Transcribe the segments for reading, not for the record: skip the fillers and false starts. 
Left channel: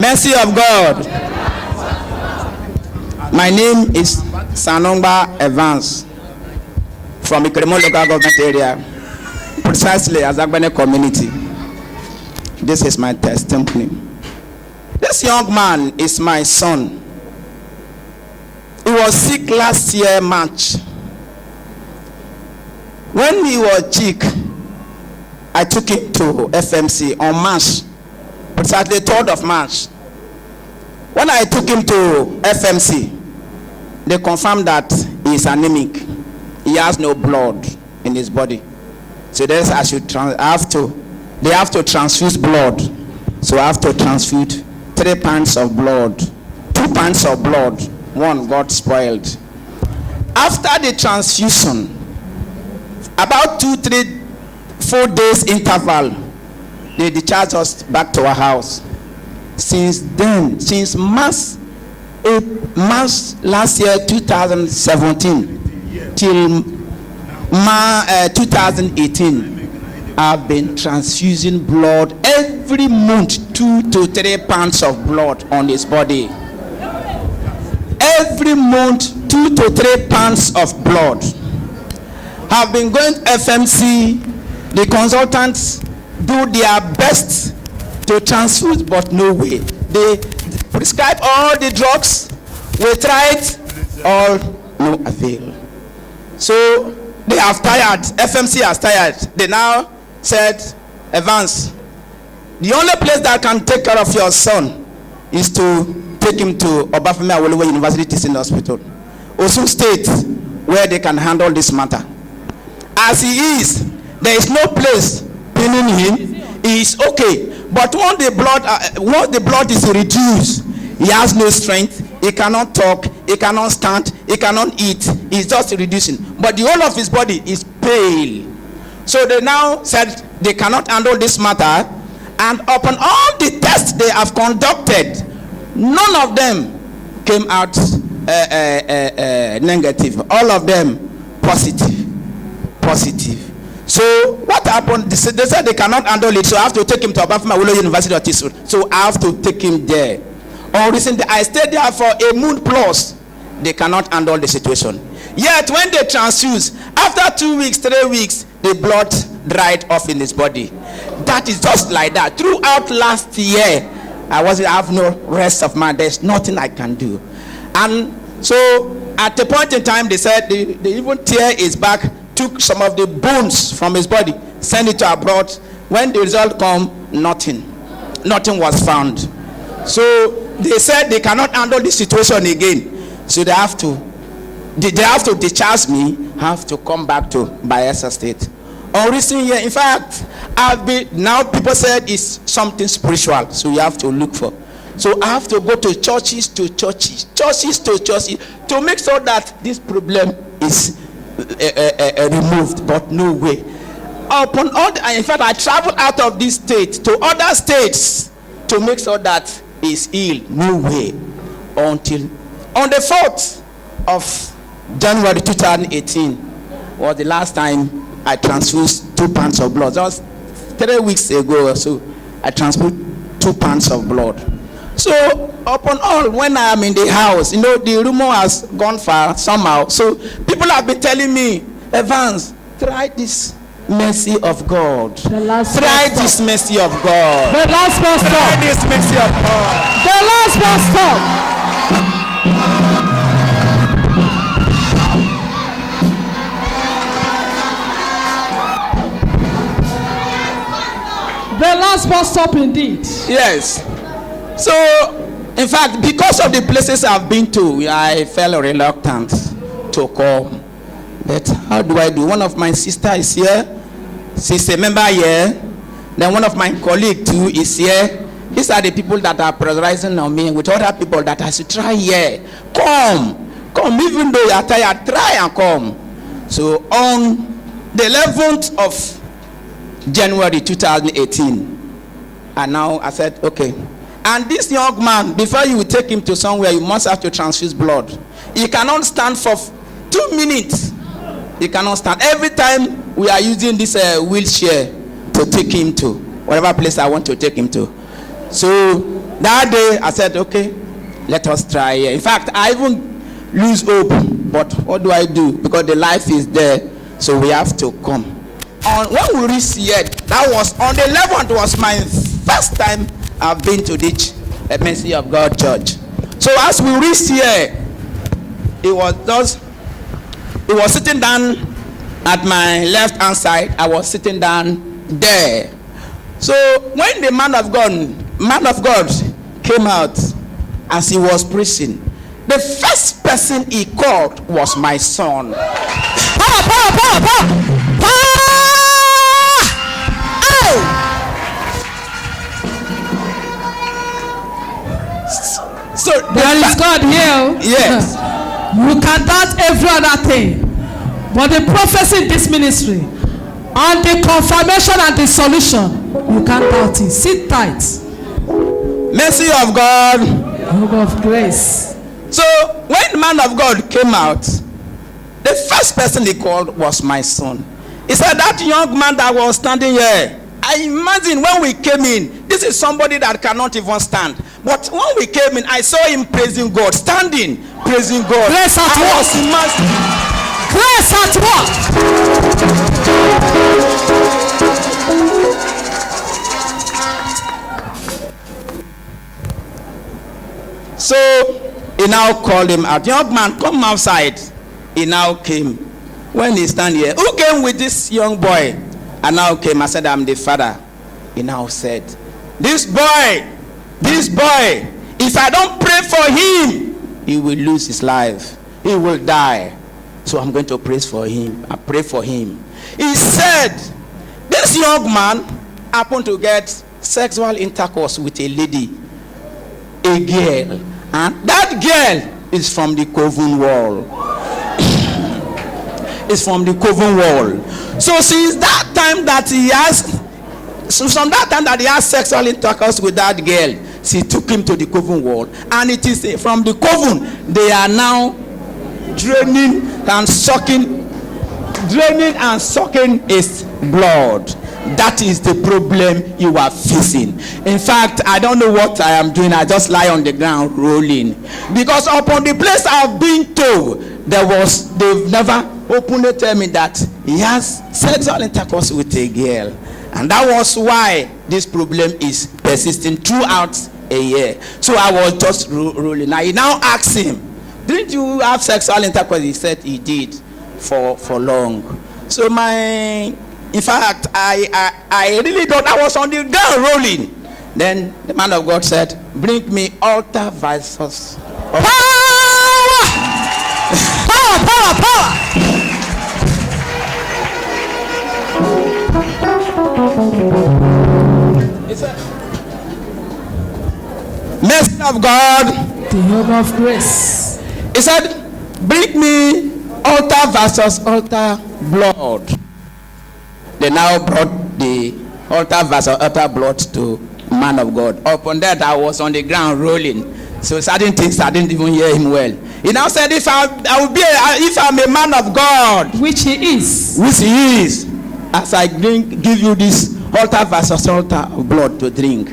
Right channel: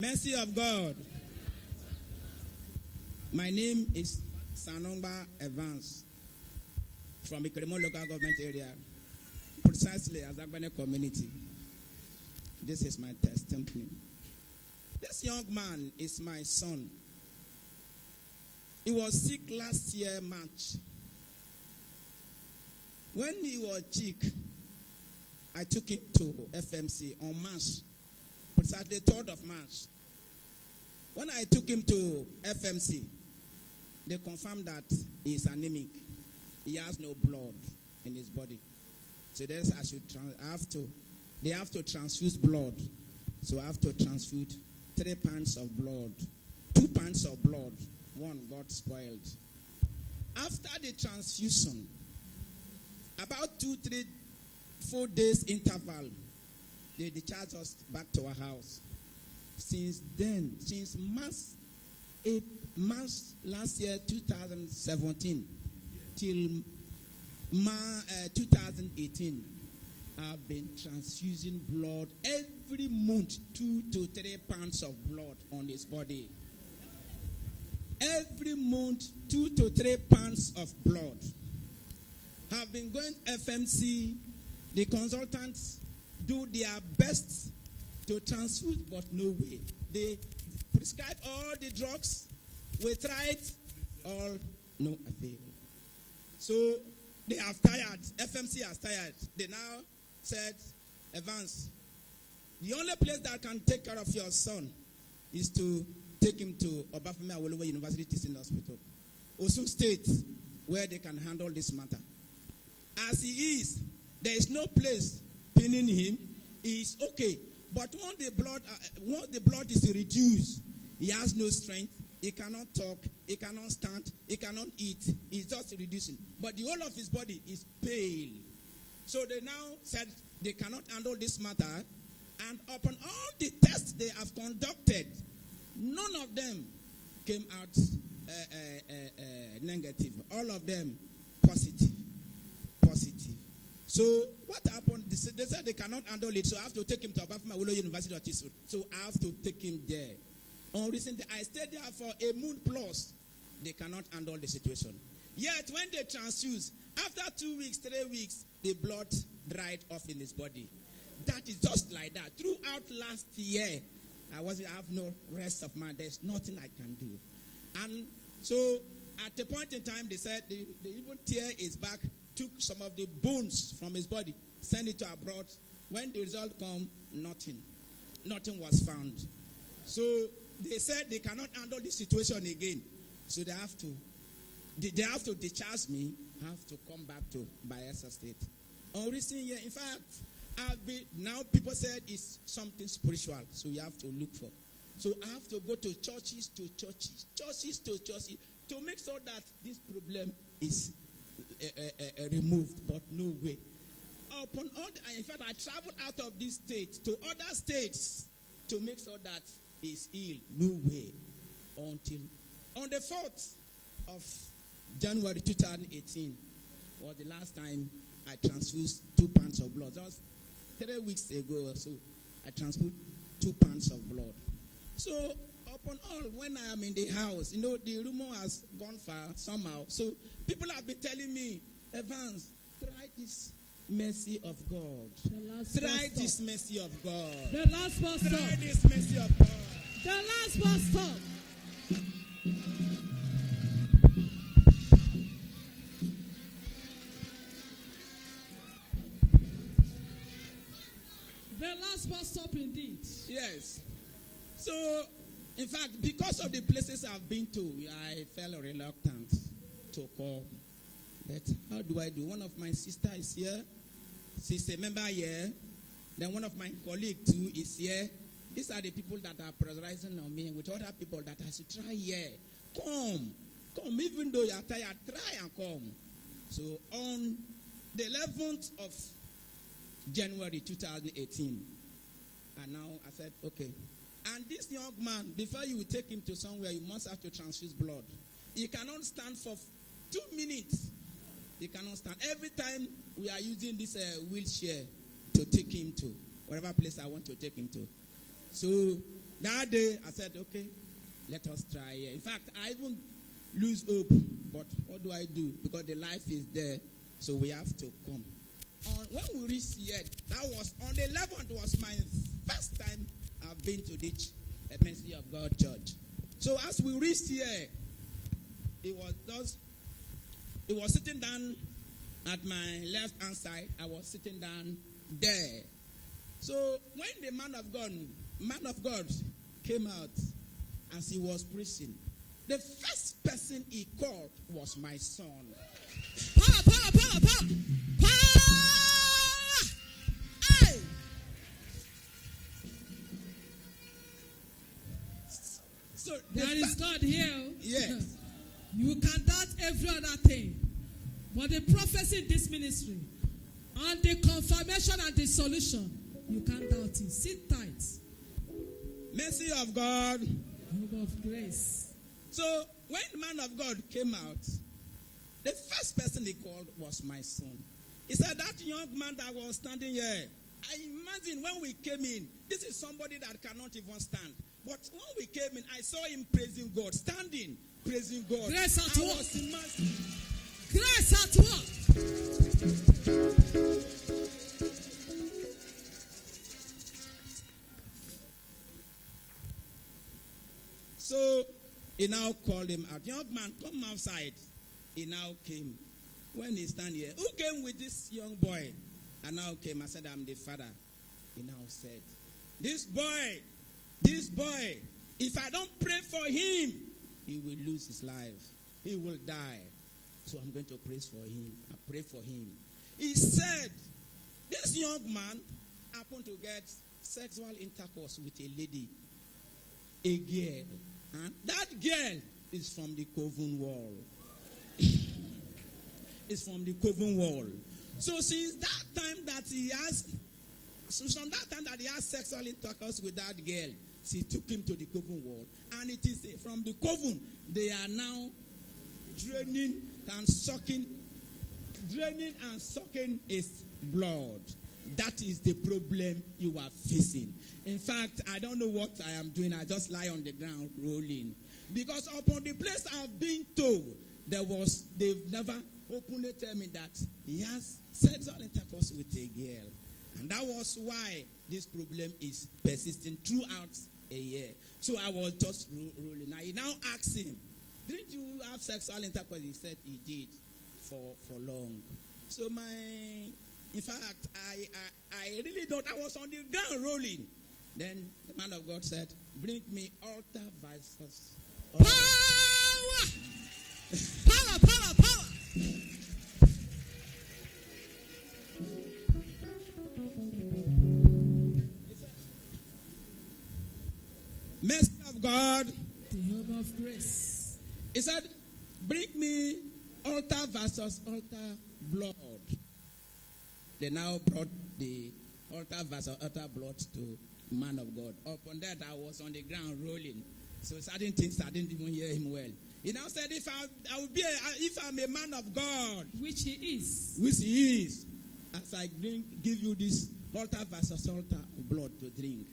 Mercy of God. My name is Sanongba Evans from the Kremo local government area, precisely as Agbene community. This is my testimony. This young man is my son. He was sick last year, March. When he was sick, I took him to FMC on March, precisely 3rd of March. When I took him to FMC, they confirmed that he is anemic. He has no blood in his body. So they have to transfuse blood. So I have to transfuse 3 pints of blood. 2 pints of blood. One got spoiled. After the transfusion, about 2, 3, 4 days interval, they discharged us back to our house. Since then, since March last year, 2017, till 2018, I've been transfusing blood every month, 2 to 3 pounds of blood on his body. Every month, 2 to 3 pounds of blood. Have been going to FMC. The consultants do their best to transfuse, but no way. They prescribe all the drugs. We tried, all no avail. So they have tired. FMC has tired. They now said, Evans, the only place that can take care of your son is to take him to Obafemi Awolowo University Teaching Hospital, Osun State, where they can handle this matter. As he is, there is no place pinning him. He is okay, but once the blood is reduced, he has no strength. He cannot talk. He cannot stand. He cannot eat. He's just reducing. But the whole of his body is pale. So they now said they cannot handle this matter, and upon all the tests they have conducted, none of them came out negative. All of them positive. So what happened? They said they cannot handle it, so I have to take him to Obafemi Awolowo University of Teaching. So I have to take him there. Recently, I stayed there for a month plus. They cannot handle the situation. Yet when they transfuse, after 2 weeks, 3 weeks, the blood dried off in his body. That is just like that. Throughout last year, I have no rest of mind. There's nothing I can do. And so at a point in time, they said they even tear his back, took some of the bones from his body, sent it to abroad. When the result come, nothing was found. So they said they cannot handle this situation again. So they have to discharge me, have to come back to Bayelsa State. On recent year, in fact, now people said it's something spiritual, so you have to look for. So I have to go to churches to make sure that this problem is removed, but no way. In fact, I traveled out of this state to other states to make sure that it's healed. No way. Until on the 4th of January 2018 was the last time I transfused 2 pounds of blood. That was 3 weeks ago or so. I transfused 2 pounds of blood. So upon all, when I am in the house, the rumor has gone far somehow. So people have been telling me, Evans, try this mercy of God. Try this mercy of God. The last pastor. Try this mercy of God. The last pastor. The last bus stop indeed. Yes. So, in fact, because of the places I've been to, I felt reluctant to come. But how do I do? One of my sisters is here. She's a member here. Then one of my colleagues too is here. These are the people that are pressurizing on me with other people that I should try here. Come, even though you are tired, try and come. So on the 11th of January 2018, and now I said, okay. And this young man, before you take him to somewhere, you must have to transfuse blood. He cannot stand for 2 minutes. He cannot stand. Every time we are using this wheelchair to take him to whatever place I want to take him to. So that day I said, okay, let us try here. In fact, I even lose hope, but what do I do? Because the life is there, so we have to come. When we reached here, that was on the 11th, was my first time I've been to this Mercy of God church. So as we reached here, it was sitting down at my left hand side. I was sitting down there. So when the man of God came out as he was preaching, the first person he called was my son. So there is God here. Yes. You can doubt every other thing, but the prophecy in this ministry and the confirmation and the solution, you can't doubt it. Sit tight. Mercy of God. Hope of grace. So when the man of God came out, the first person he called was my son. He said, that young man that was standing here, I imagine when we came in, this is somebody that cannot even stand. But when we came in, I saw him praising God, standing, praising God. Grace at work. Grace at work. So he now called him out. Young man, come outside. He now came. When he stand here, who came with this young boy? I now came. I said, I'm the father. He now said, this boy, if I don't pray for him, he will lose his life. He will die. So I'm going to pray for him. I pray for him. He said, this young man happened to get sexual intercourse with a lady, a girl. And that girl is from the coven wall. It's from the coven wall. So since that time that he has sexual intercourse with that girl, she took him to the coven wall, and it is from the coven they are now draining and sucking his blood. That is the problem you are facing. In fact, I don't know what I am doing. I just lie on the ground rolling, because upon the place I've been told, they've never openly tell me that he has sexual intercourse with a girl. And that was why this problem is persisting throughout a year. So I was just rolling. I now asked him, didn't you have sexual intercourse? He said he did for long. So in fact, I really thought I was on the ground rolling. Then the man of God said, bring me altar versus power. Mercy of God, the hope of grace. He said, bring me altar versus altar blood. They now brought the altar versus altar blood to man of God. Upon that, I was on the ground rolling. So certain things I didn't even hear him well. He now said, if I'm a man of God, which he is, as I give you this altar versus altar of blood to drink,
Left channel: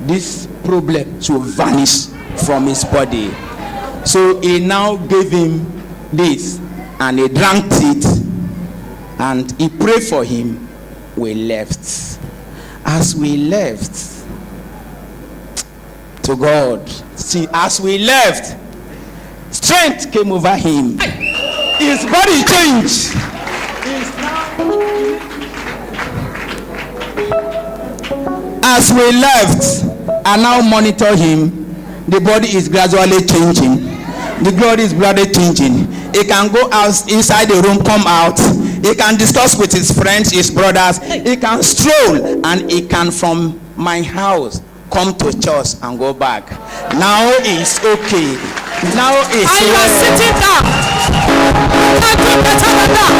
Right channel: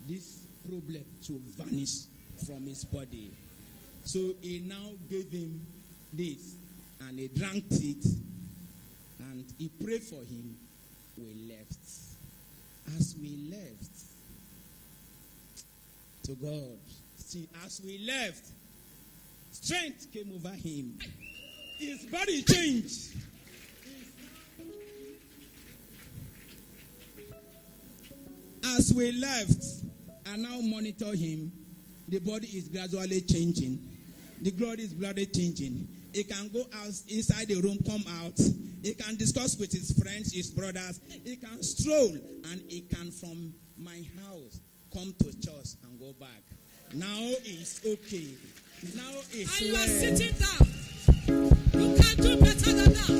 this problem should vanish from his body. So he now gave him this, and he drank it, and he prayed for him. We left. As we left to God, see, as we left, strength came over him. His body changed. As we left, I now monitor him. The body is gradually changing. The glory is gradually changing. He can go out inside the room, come out. He can discuss with his friends, his brothers. He can stroll, and he can from my house come to church and go back. Now it's okay. Now it's and you are sitting down. You can do better than that.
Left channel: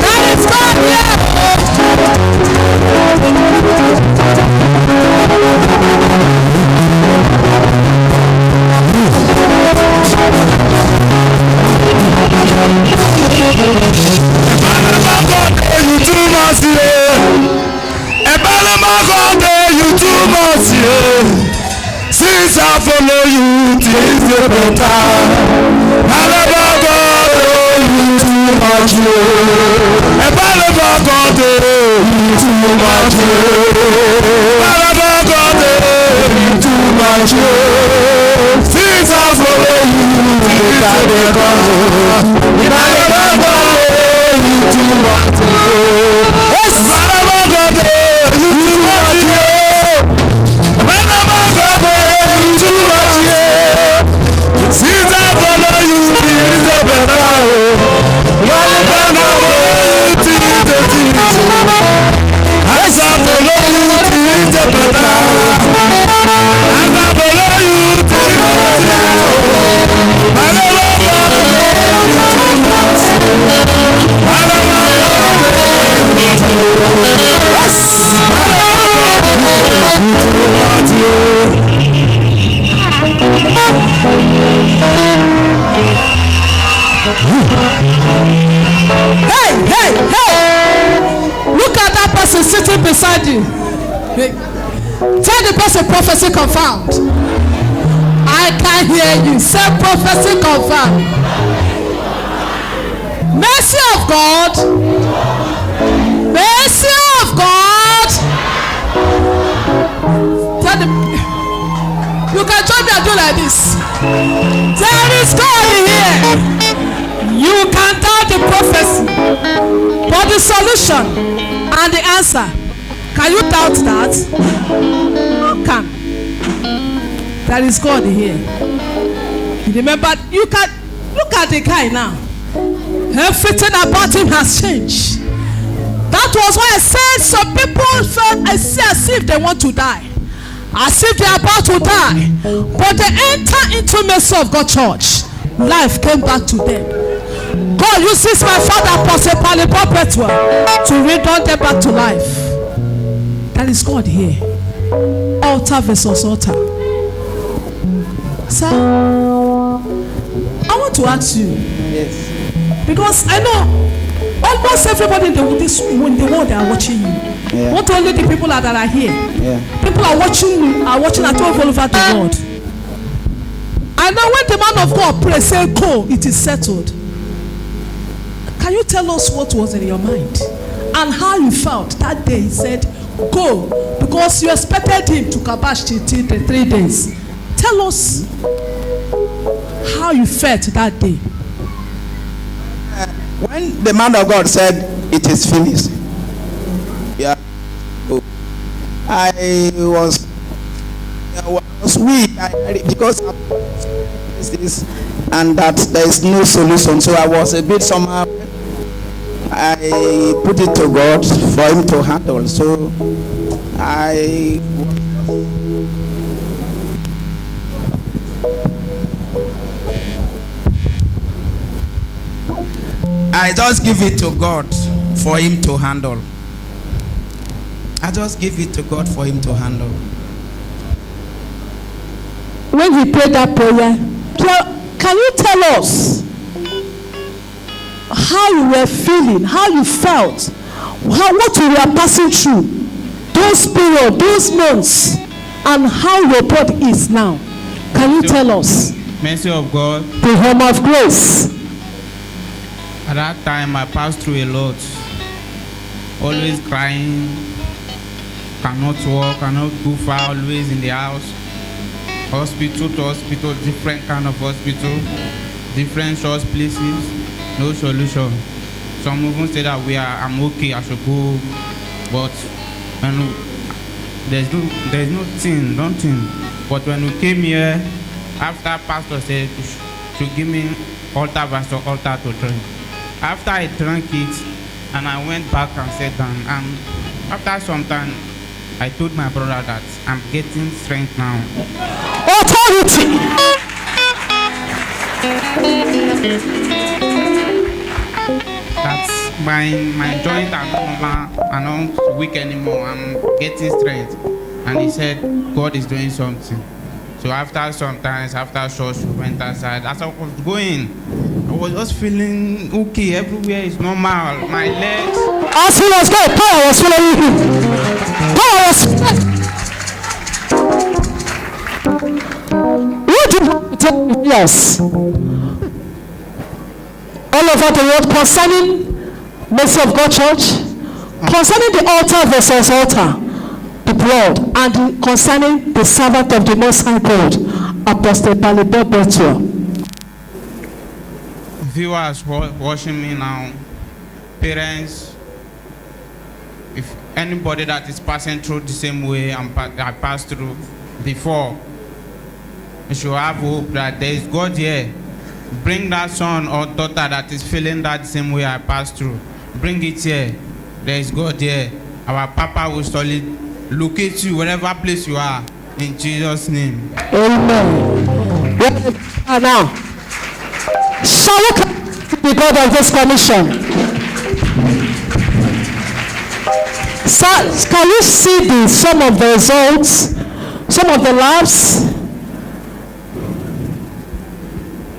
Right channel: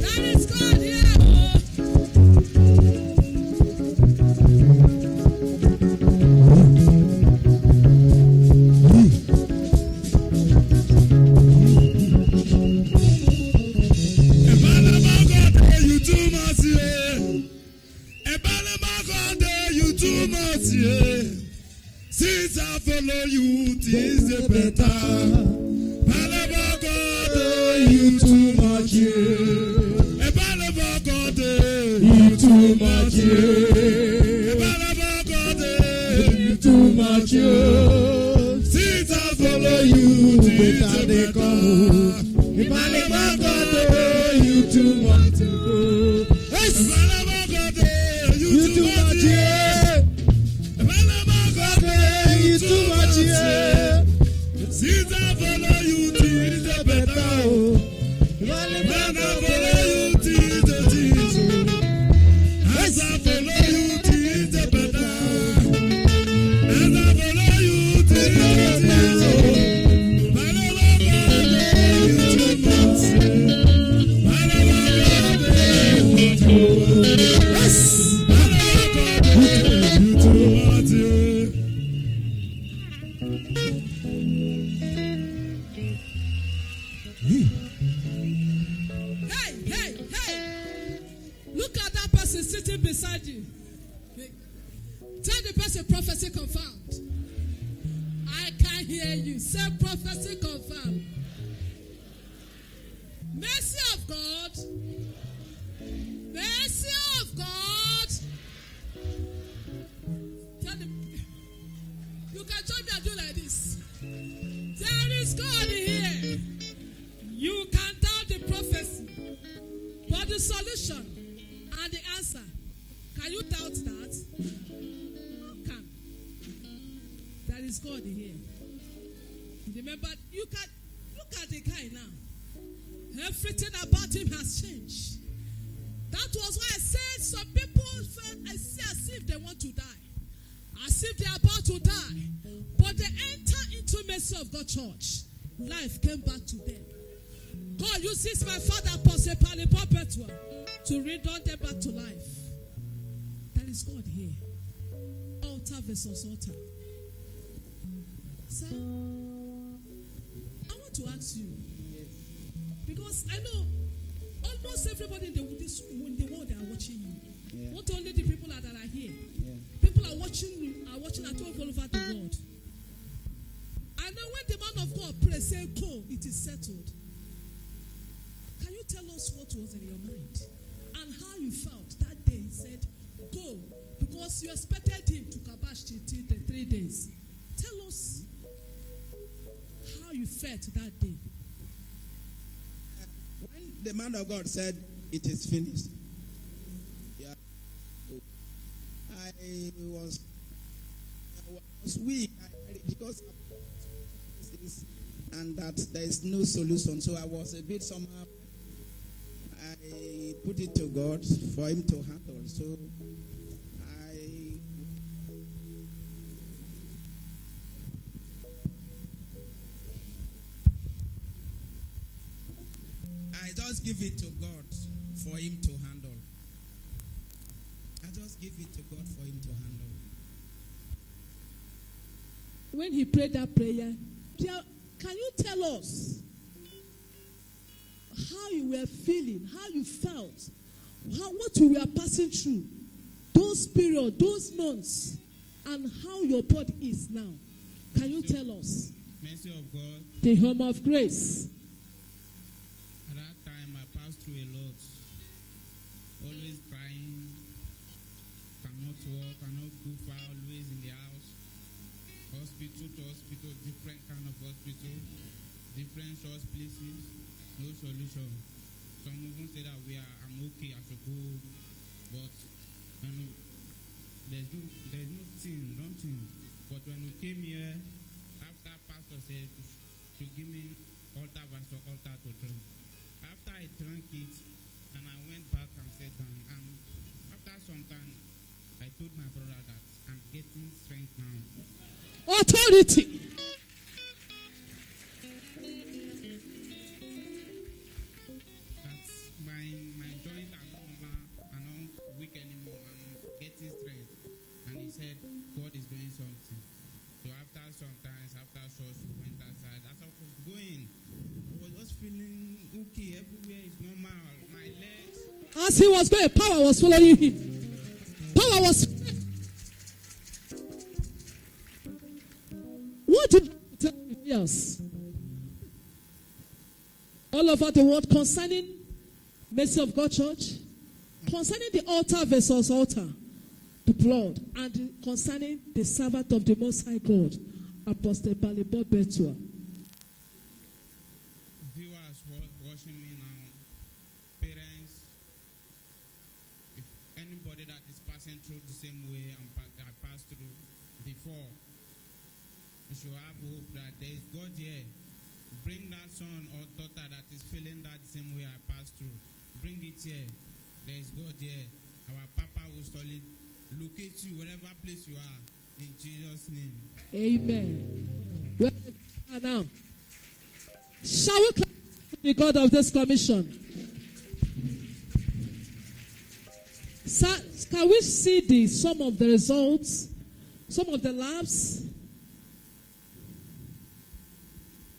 That is God here. Ebala You too much, yeah. Since I follow you, things get better. I never got you too much, yeah. If I never got you too much, yeah. I never got you too much, yeah. Since I follow you, things get better. If I never got you too much, yeah. Yes, I never got you too much, yeah. Hey! Look at that person sitting beside you. Hey. Tell the person prophecy confirmed. I can hear you. Say prophecy confirmed. Mercy of God. Mercy of God. Tell the, you can join me and do like this. There is God here. You can doubt the prophecy, but the solution and the answer, can you doubt that? You can. There is God here. Remember, you can look at the guy now. Everything about him has changed. That was why I said some people felt as if they want to die, as if they are about to die, but they enter into mercy of God church. Life came back to them. God uses my father Apostle Perpetual to return them back to life. That is God here. Altar versus altar. Sir, I want to ask you. Yes. Because I know almost everybody in the world they are watching you. Yeah. Not only the people that are here. Yeah. People are watching at all over the world. I know when the man of God prays, say go, it is settled. Can you tell us what was in your mind and how you felt that day? He said, go, because you expected him to kabash till the 3 days. Tell us how you felt that day. When the man of God said, it is finished, yeah, I was weak because of this and that there is no solution. So I was a bit somehow. I put it to God for him to handle. So I just give it to God for him to handle. I just give it to God for him to handle. When he prayed that prayer, can you tell us how you were feeling, how you felt, what you were passing through, those periods, those months, and how your body is now? Can you tell us? Mercy of God. The home of grace. At that time, I passed through a lot. Always crying, cannot walk, cannot go far, always in the house. Hospital to hospital, different kind of hospital, different source places, no solution. Some even say that I'm okay, I should go, but there's nothing. But when we came here, after pastor said to give me altar versus altar to drink. After I drank it, and I went back and sat down, and after some time, I told my brother that I'm getting strength now. Authority. That's my joint are not weak anymore. I'm getting strength. And he said, God is doing something. So after church, we went outside. As I was going, I was just feeling okay. Everywhere is normal. My legs. As he was going, power was following him. Power was prayers all over the world concerning Mercy of God Church, concerning the altar versus altar, the blood, and concerning the servant of the Most High God, Apostle Balibert. Viewers watching me now, parents, if anybody that is passing through the same way I passed through before, you should have hope that there is God here. Bring that son or daughter that is feeling that same way I passed through. Bring it here. There is God here. Our Papa will surely locate you wherever place you are. In Jesus' name. Amen. Now, shall we come to the God of this commission? So, can you see some of the results, some of the labs?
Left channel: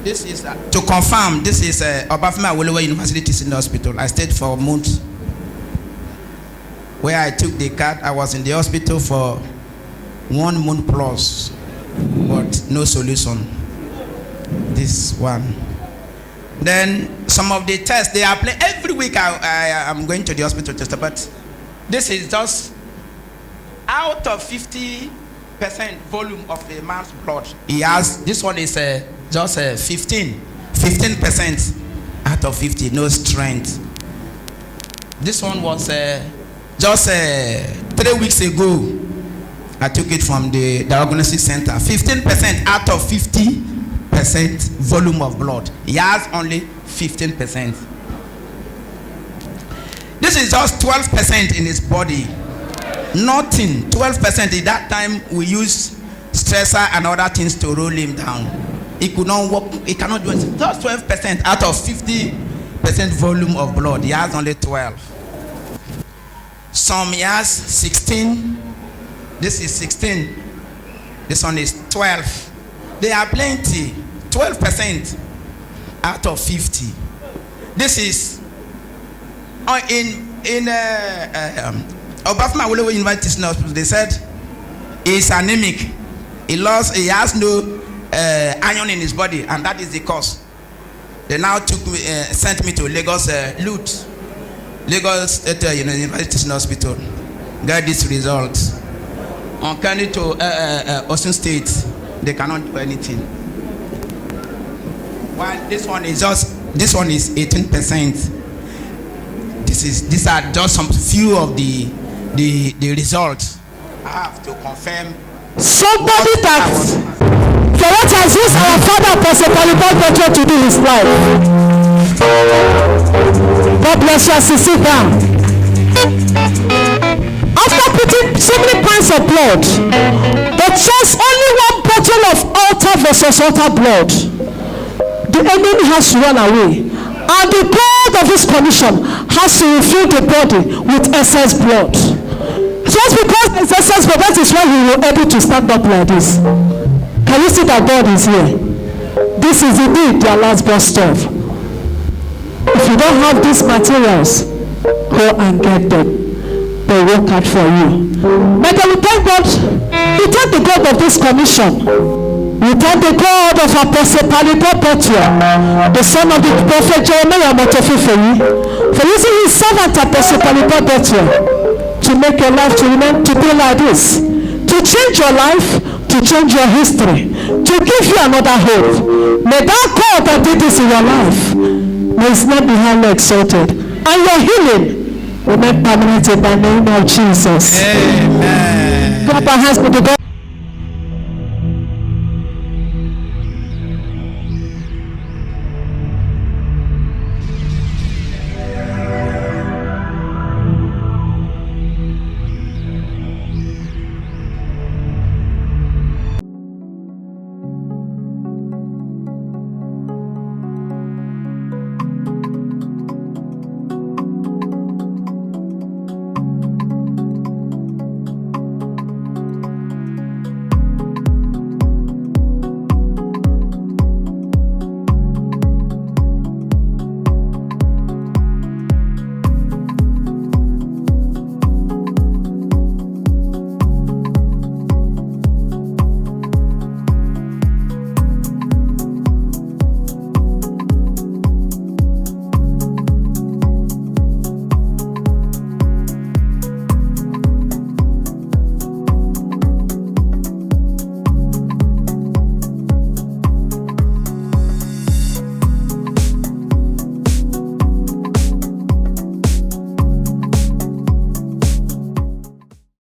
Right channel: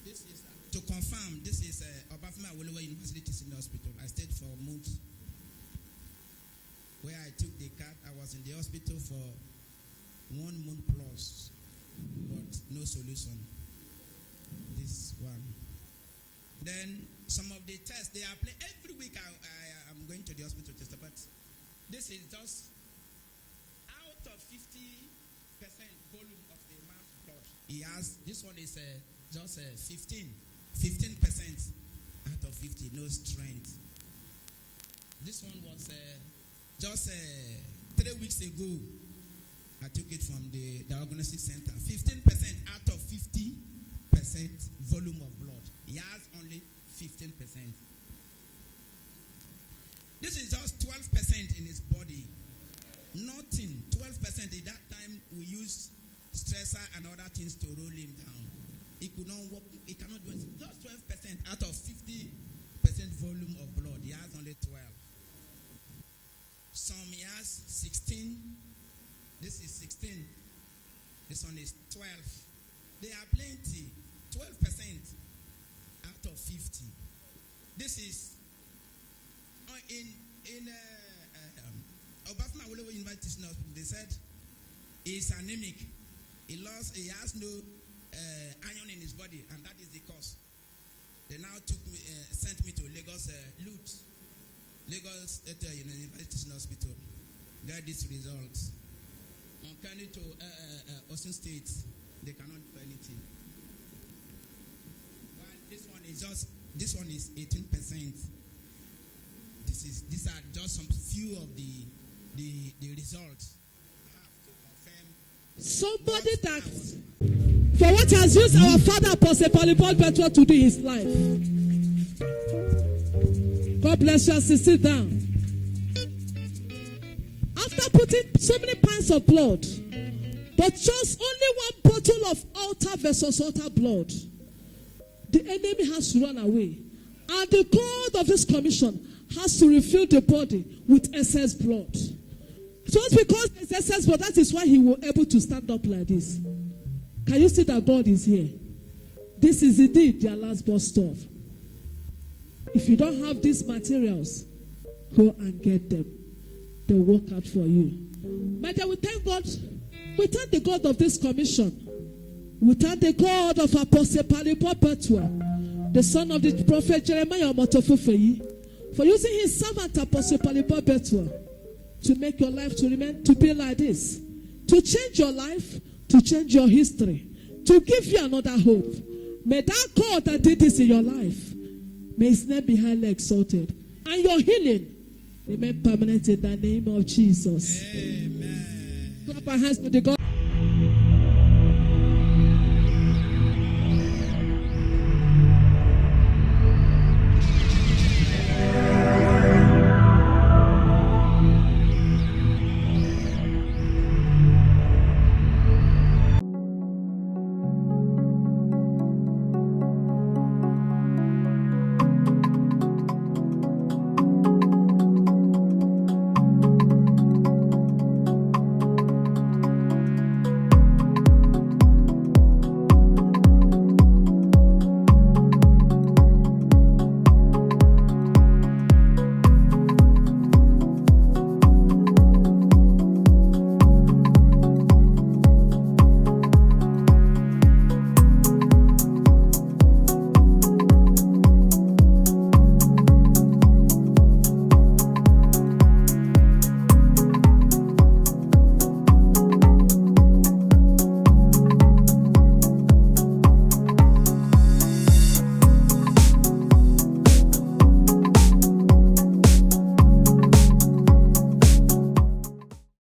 This is to confirm. This is Obafemi Awolowo University Teaching Hospital. I stayed for months. Where I took the card, I was in the hospital for 1 month plus, but no solution. This one. Then some of the tests they are playing every week. I am going to the hospital to test, but this is just out of 50% volume of a man's blood. He has this one is just 15% out of 50, no strength. This one was just 3 weeks ago. I took it from the diagnostic center. 15% out of 50% volume of blood. He has only 15%. This is just 12% in his body. Nothing. 12%. At that time, we used stressor and other things to roll him down. He could not walk. He cannot do anything. Just 12% out of 50% volume of blood. He has only 12. Some he has 16. This is 16. This one is 12. They are plenty. 12% out of 50. This is in Obafemi Awolowo University Teaching Hospital. They said he's anemic. He has no iron in his body, and that is the cause. They now sent me to Lagos LUT, Lagos State University Teaching Hospital. Got this result. On coming to Osun State, they cannot do anything. While this one is 18%. These are just some few of the results. I have to confirm. Somebody that for what has used our father Apostle Balibert to do his life. God bless you as you sit down. After putting so many pints of blood, but just only 1 bottle of altar versus altar blood, the enemy has to run away. And the God of this commission has to refill the body with excess blood. Just because there's excess blood, that is why we were able to stand up like this. Can you see that God is here? This is indeed their last bus stop. If you don't have these materials, go and get them. They work out for you. But then we thank God. We thank the God of this commission. We thank the God of Apostle Balibert, the son of the prophet Jeremiah Motofifeyi, for using his servant Apostle Balibert to make your life to be like this, to change your life, to change your history, to give you another hope. May that God that did this in your life, may his name be highly exalted, and your healing will make permanent in the name of Jesus. Amen. Clap our hands to the God.